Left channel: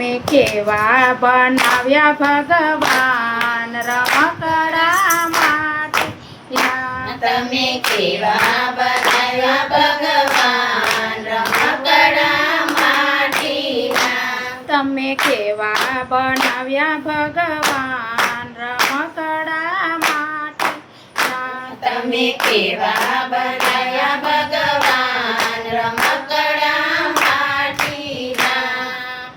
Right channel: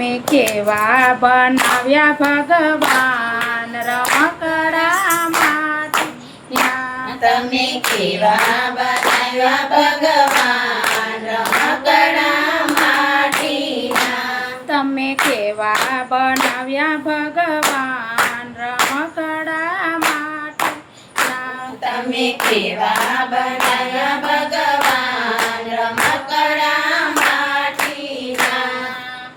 તમે કેવા બનાવ્યા ભગવાન રમકડા માટીના. તમે કેવા બનાવ્યા ભગવાન રમકડા માટીના. તમે કેવા બનાવ્યા ભગવાન રમકડા માટીના. તમે કેવા બનાવ્યા ભગવાન રમકડા માટીના.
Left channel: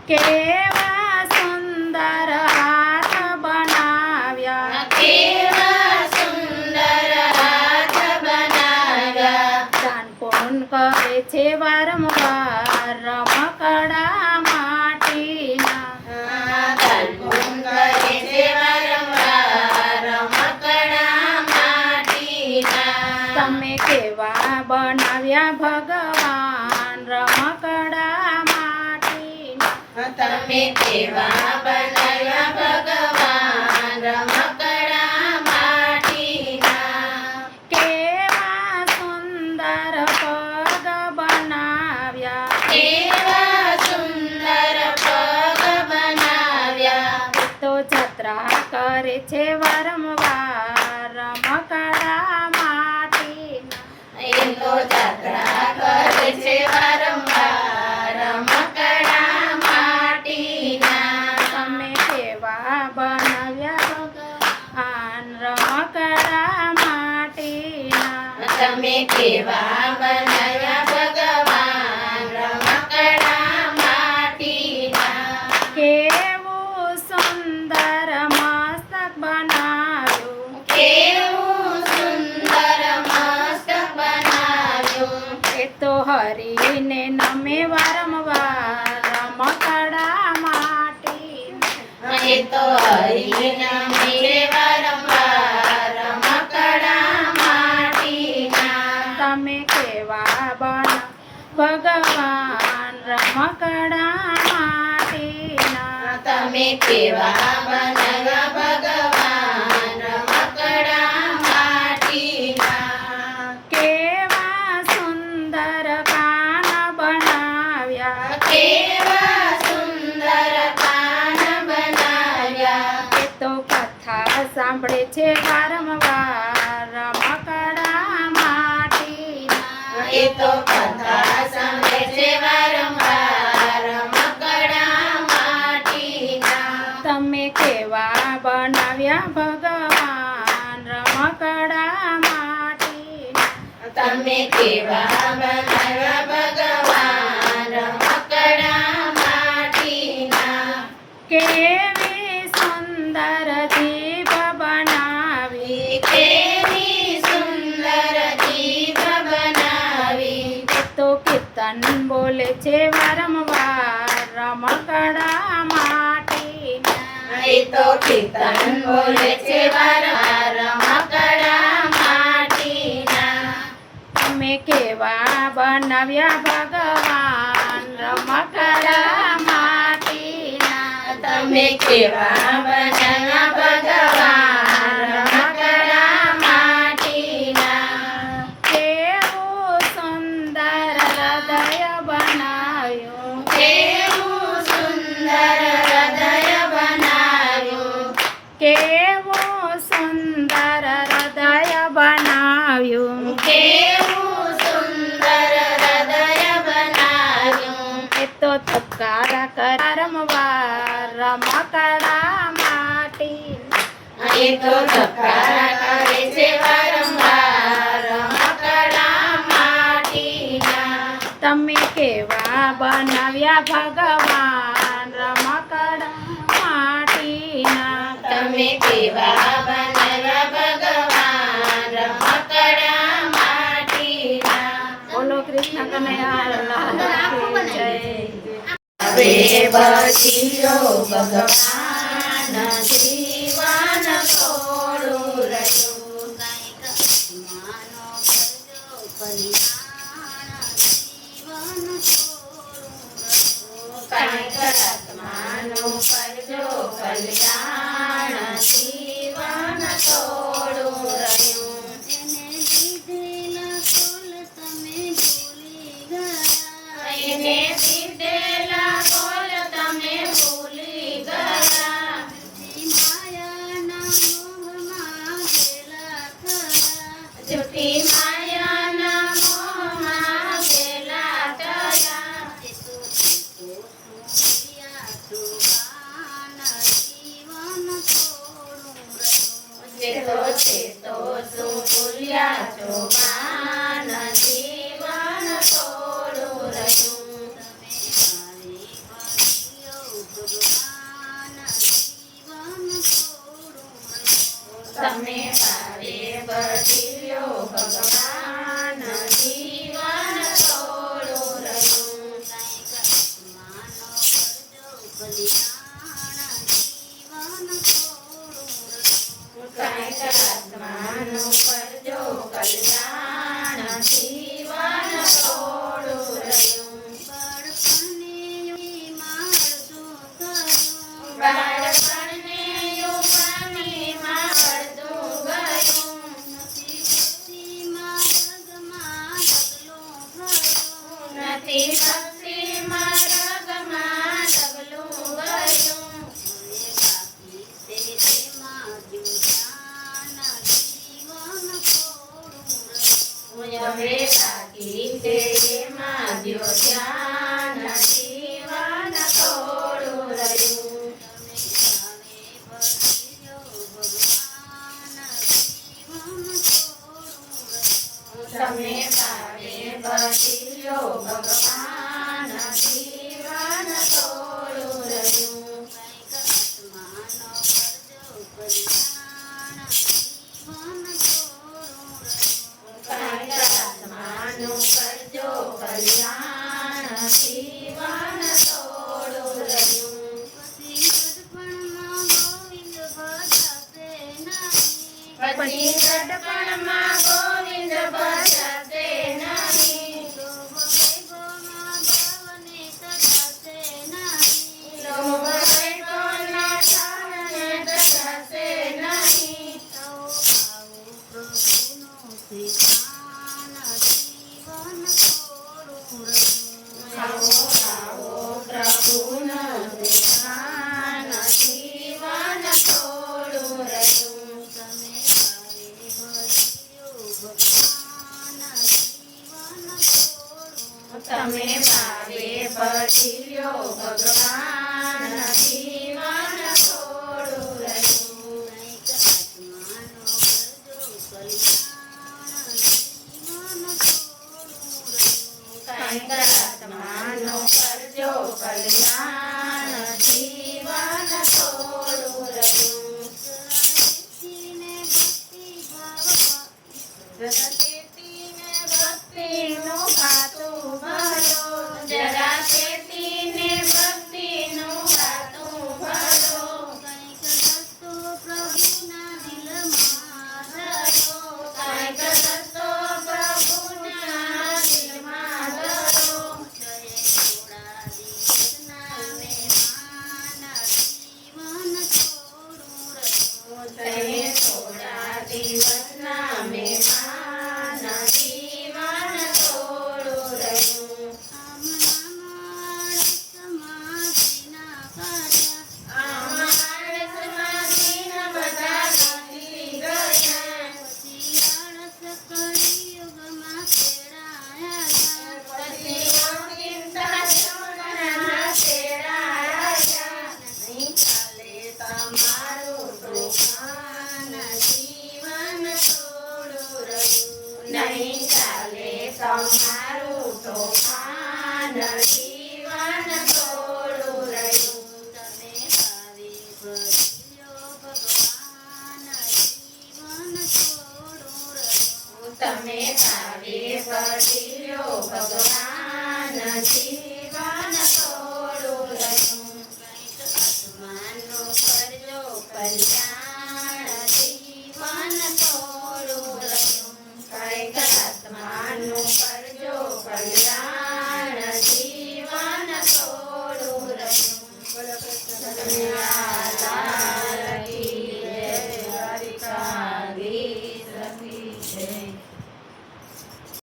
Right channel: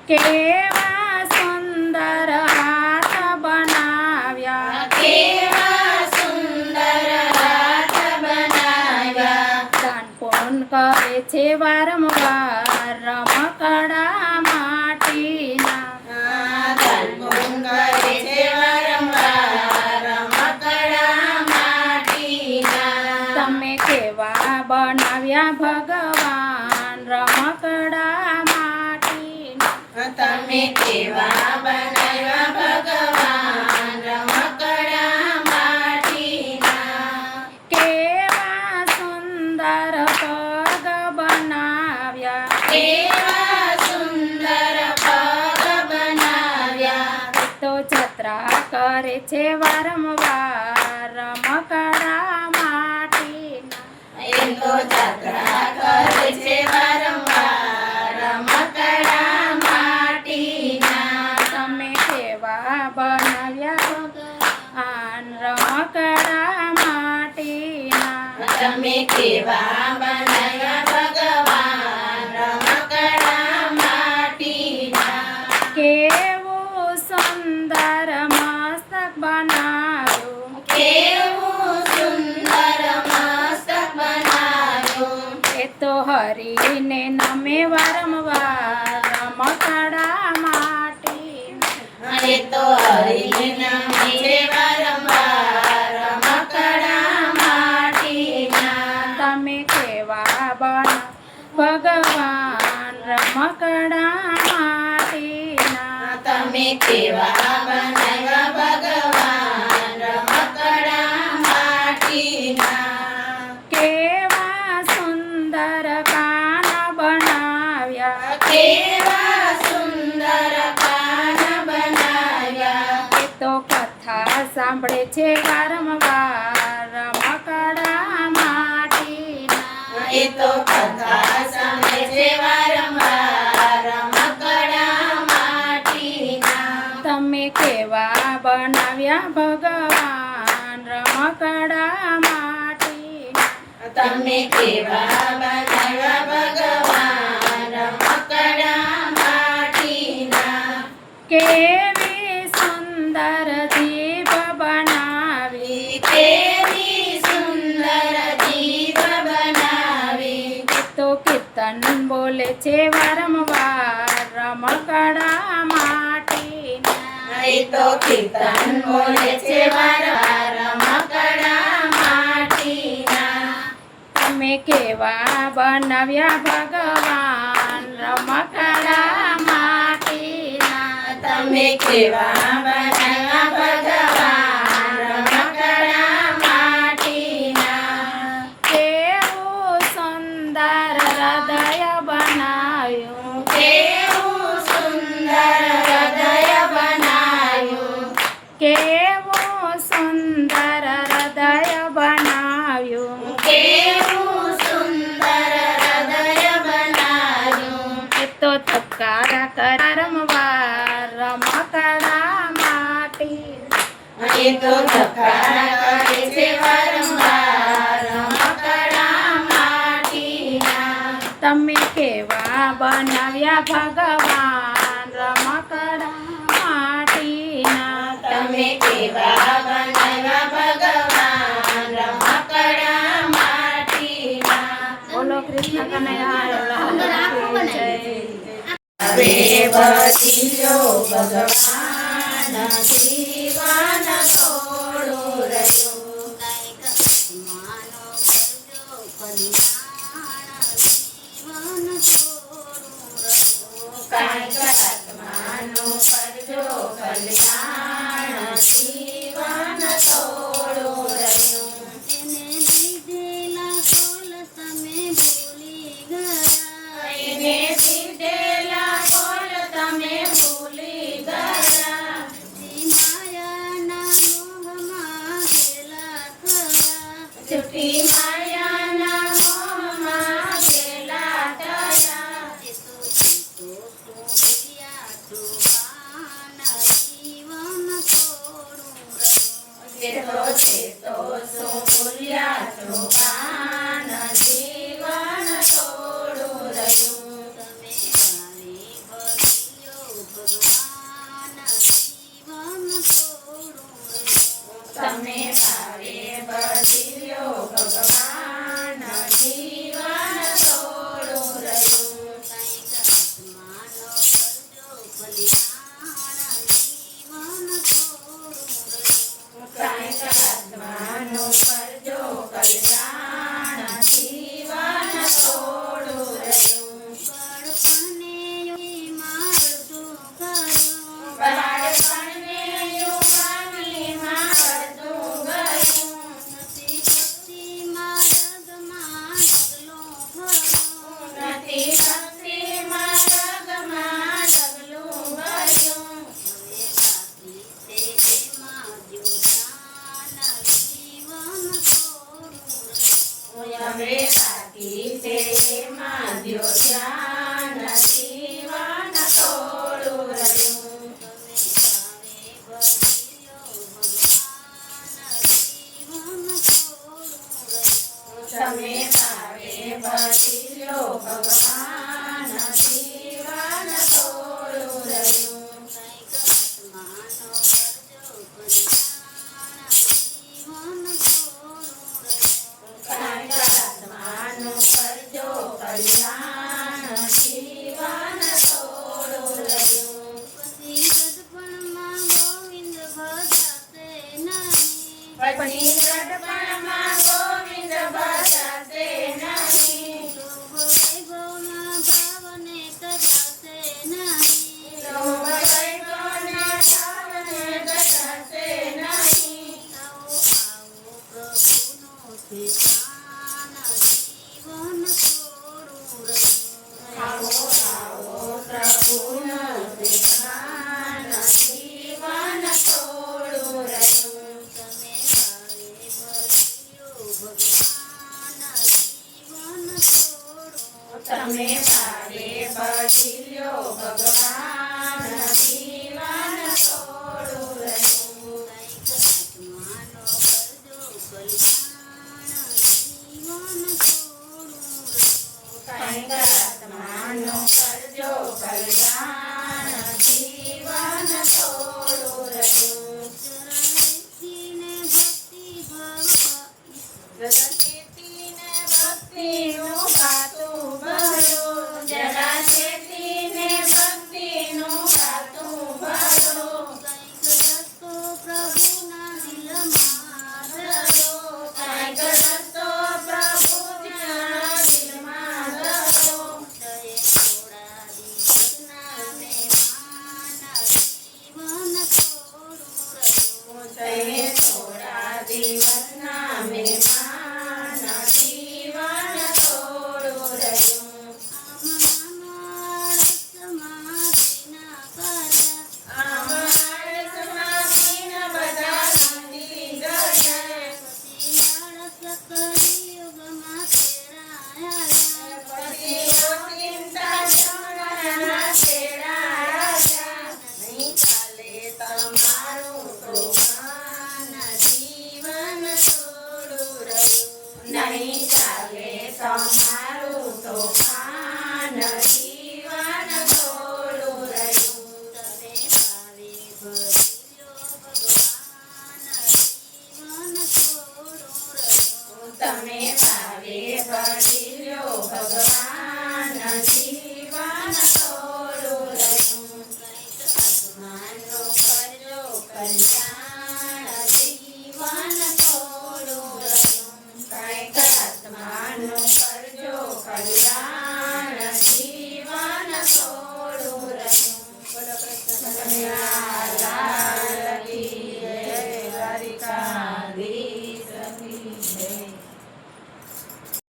કેવા સુંદર હાથ બનાવ્યા. કેવા સુંદર હાથ બનાવ્યા. દાન પુણ્ય કરે છે વારંવાર રમકડા માટીના. દાન પુણ્ય કરે છે વારંવાર રમકડા માટીના. તમે કેવા બનાવ્યા ભગવાન રમકડા માટીના. તમે કેવા બનાવ્યા ભગવાન રમકડા માટીના. કેવા સુંદર પગ બનાવ્યા. કેવા સુંદર પગ બનાવ્યા. તો જત્રા કરે છે વારંવાર રમકડા માટીના. એ તો જાત્રા કરે છે વારંવાર રમકડા માટીના. તમે કેવા બનાવ્યા ભગવાન રમકડા માટીના. તમે કેવા બનાવ્યા ભગવાન રમકડા માટીના. કેવું સુંદર મસ્તક બનાવ્યું. કેવું સુંદર મસ્તક બનાવ્યું. એ તો હરીને નમે વારંવાર રમકડા માટીના. એ તો હરીને નમે વારંવાર રમકડા માટીના. તમે કેવા બના ભગવાન રમકડા માટીના. તમે કેવા બનાવ્યા ભગવાન રમકડા માટીના. કેવા સુંદર કાન બનાવ્યા. કેવા સુંદર કાન બનાવ્યા. એ તો કથા સાંભળે છે વારંવાર રમકડા માટીના. એ તો કથા સાંભળે છે વારંવાર રમકડા માટીના. તમે કેવા બનાવ્યા ભગવાન રમકડા માટીના. તમે કેવા બનાવ્યા ભગવાન રમકડા માટીના. કેવી સુંદર જીભ બનાવી. કેવી સુંદર જીભ બનાવી. તો કીર્તન બોલે છે વારંવાર રમકડા માટીના. એ તો કીર્તન બોલે છે વારંવાર રમકડા માટીના. તમે કેવા બનાવ્યા ભગવાન રમકડા માટીના. તમે કેવા બનાવ્યા ભગવાન રમકડા માટીના. કેવું સુંદર હૃદય બનાવ્યું. કેવું સુંદર હૃદય બનાવ્યું. કેવું સુંદર હૃદય બનાવ્યું. કેવું સુંદર હૃદય બનાવ્યું. એ તો તપકારા કર વારંવાર રમકડા માટીના. એ તો ધબકારા કરે છે વારંવાર રમકડા માટીના. તમે કેવા બનાવ્યા ભગવાન રમકડા માટીના. તમે કેવા બનાવ્યા ભગવાન રમકડા માટીના. બોલો કૃષ્ણ કનૈયા લાલ કી જય. હવે પછી જો ભગવાન જીવન થોડું રહ્યું. કાંઈક આત્માનો કરજો કલ્યાણ જીવન થોડું રહ્યું. કાંઈક આત્માનું કરજો કલ્યાણ જીવન થોડું રહ્યું. એને લીધેલા કોલ તમે ભૂલી ગયા. એને દીધેલા કોલ તમે ભૂલી કાચો પાન જીવન થોડું રહ્યું. તમે ભાવે ભજ્યો ભગવાન જીવન થોડું રહ્યું. કાંઈક આત્માનો કરજો કલ્યાણ જીવન થોડું રહ્યું. બાળપણને યુવાનીમાં કરતું ગયું. નથી ભક્તિમાં રગમાં ડગલું ગયું. હવે બાકી છે એમાં દ્યો ધ્યાન જીવન થોડું રહ્યું. તમે ભાવે ભજ્યો ભગવાન જીવન થોડું રહ્યું. કાંઈક આત્માનું કરજો કલ્યાણ જીવન થોડું રહ્યું. પછી ગડપણમાં ગોવિંદ ભજાશે નહીં. લોભ વૈભવને ઠાવને ગજાશે નહીં. આવો આવો પ્રભુનું ધ્યાન જીવન થોડું રહ્યું. તમે ભાવે ભજ્યો ભગવાન જીવન થોડું રહ્યું. કાંઈક આત્માનો કરજો કલ્યાણ જીવન થોડું રહ્યું. જરા ભક્તિનું ખાતું ભરો. જરા ચેતીને ભક્તિનું ખાતું ભરો. કાંઈક રસ્તો પ્રભુના દિલમાં ધરો. તે થોડા દિવસના મહેમાન જીવન થોડું રહ્યું. આમ આળસમાં દિન બધા નંદી ગયા. પછી ચિંતા જમણા તેડાયા. નહીં ચાલે તમારું તોફાન જીવન થોડું રહ્યું. નહીં ચાલે તમારું તોફાન જીવન થોડું રહ્યું. તમે ભાવે ભજ્યો ભગવાન જીવન